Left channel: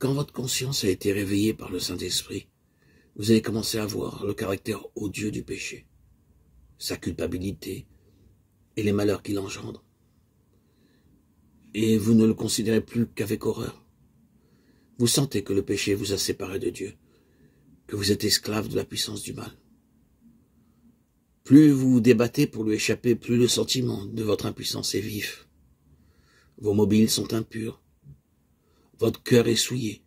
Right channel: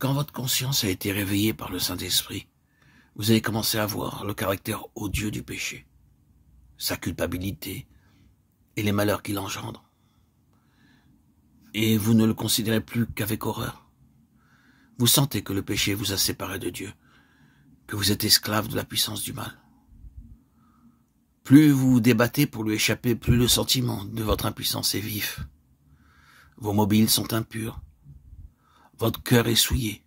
Quand votre conscience a été réveillée par le Saint-Esprit, vous allez commencer à voir le caractère odieux du péché, sa culpabilité et les malheurs qu'il engendre. Et vous ne le considérez plus qu'avec horreur. Vous sentez que le péché vous a séparé de Dieu, que vous êtes esclave de la puissance du mal. Plus vous vous débattez pour lui échapper, plus le sentiment de votre impuissance est vif. Vos mobiles sont impurs. Votre cœur est souillé.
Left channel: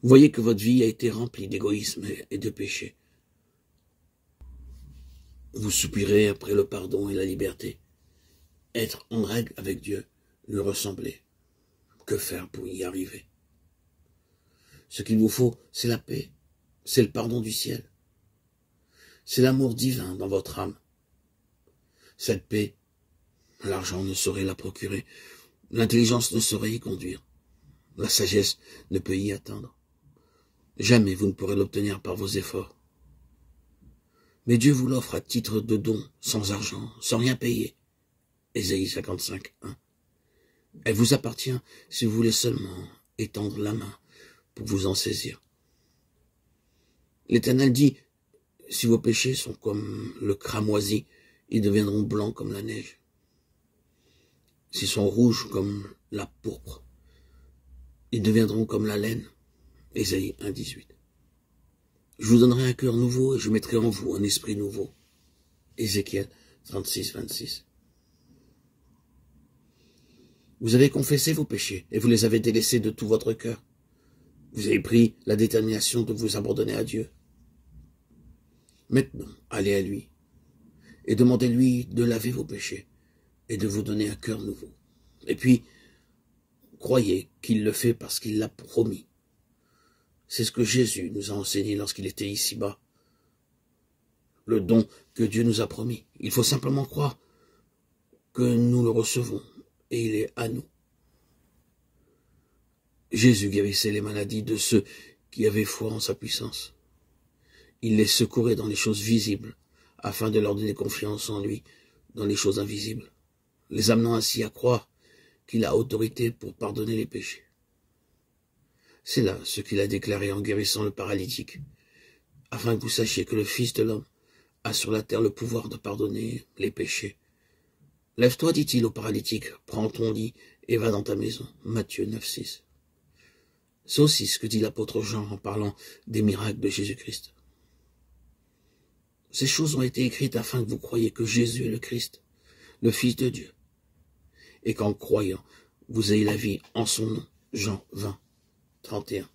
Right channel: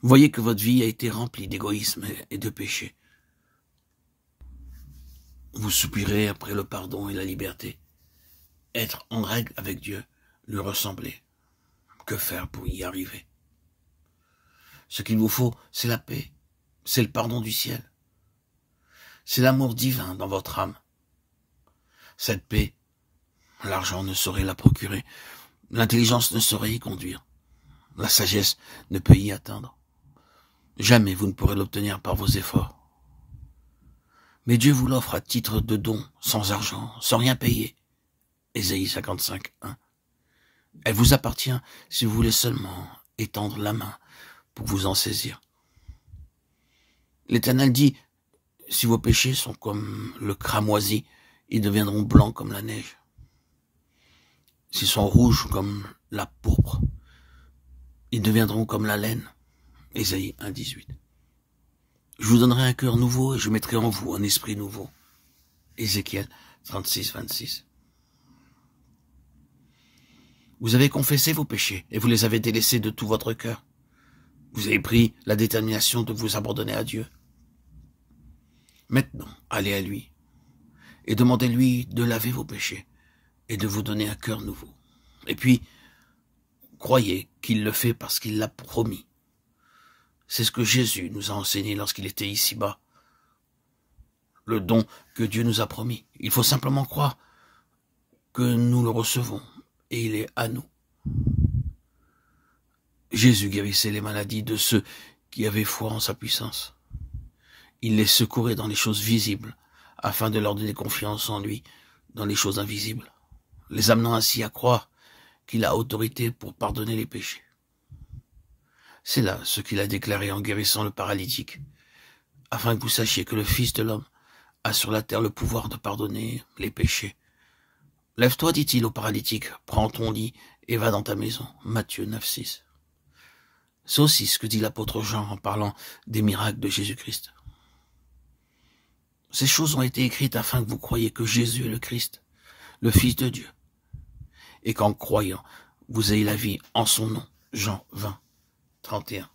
Vous voyez que votre vie a été remplie d'égoïsme et de péché. Vous soupirez après le pardon et la liberté. Être en règle avec Dieu, lui ressembler. Que faire pour y arriver? Ce qu'il vous faut, c'est la paix, c'est le pardon du ciel. C'est l'amour divin dans votre âme. Cette paix, l'argent ne saurait la procurer, l'intelligence ne saurait y conduire, la sagesse ne peut y atteindre. Jamais vous ne pourrez l'obtenir par vos efforts. Mais Dieu vous l'offre à titre de don, sans argent, sans rien payer. Ésaïe 55, 1. Elle vous appartient si vous voulez seulement étendre la main pour vous en saisir. L'Éternel dit, si vos péchés sont comme le cramoisi, ils deviendront blancs comme la neige. S'ils sont rouges comme la pourpre, ils deviendront comme la laine. Ésaïe 1, 18. Je vous donnerai un cœur nouveau et je mettrai en vous un esprit nouveau. Ézéchiel 36, 26. Vous avez confessé vos péchés et vous les avez délaissés de tout votre cœur. Vous avez pris la détermination de vous abandonner à Dieu. Maintenant, allez à lui et demandez-lui de laver vos péchés et de vous donner un cœur nouveau. Et puis, croyez qu'il le fait parce qu'il l'a promis. C'est ce que Jésus nous a enseigné lorsqu'il était ici-bas. Le don que Dieu nous a promis. Il faut simplement croire que nous le recevons et il est à nous. Jésus guérissait les maladies de ceux qui avaient foi en sa puissance. Il les secourait dans les choses visibles, afin de leur donner confiance en lui dans les choses invisibles, les amenant ainsi à croire qu'il a autorité pour pardonner les péchés. C'est là ce qu'il a déclaré en guérissant le paralytique, afin que vous sachiez que le Fils de l'homme a sur la terre le pouvoir de pardonner les péchés. Lève-toi, dit-il au paralytique, prends ton lit et va dans ta maison. Matthieu 9, 6. C'est aussi ce que dit l'apôtre Jean en parlant des miracles de Jésus-Christ. Ces choses ont été écrites afin que vous croyiez que Jésus est le Christ, le Fils de Dieu, et qu'en croyant, vous ayez la vie en son nom. Jean 20, 31.